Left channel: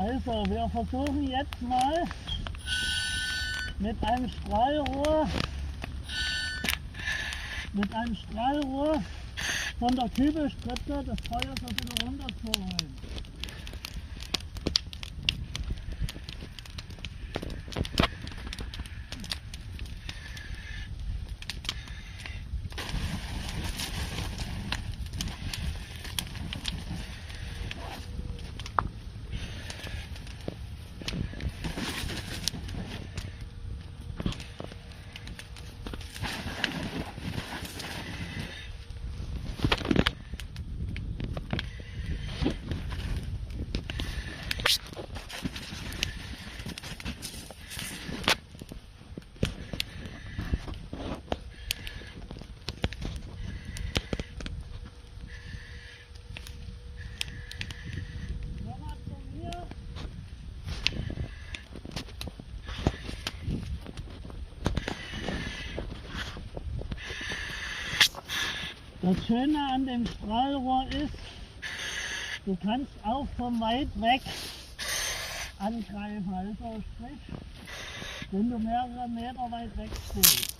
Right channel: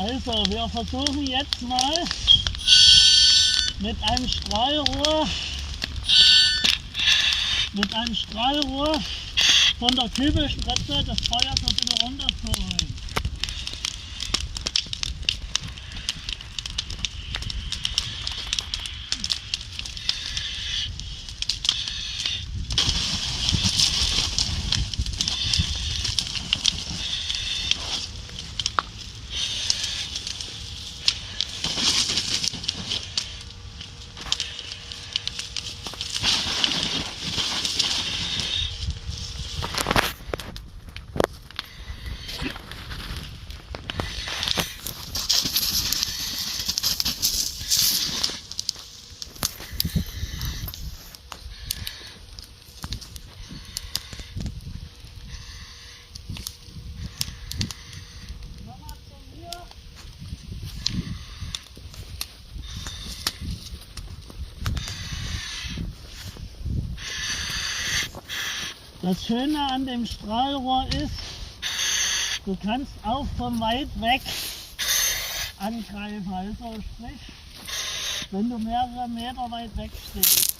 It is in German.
Also, wir versuchen jetzt mal mit einem Strahlrohr von der Kübelspritze das Feuer so ein bisschen runterzuholen. Das Schöne an dem Strahlrohr ist, du kannst auch von weit weg angreifen. Also sprich, wenn du mehrere Meter weit weg stehst.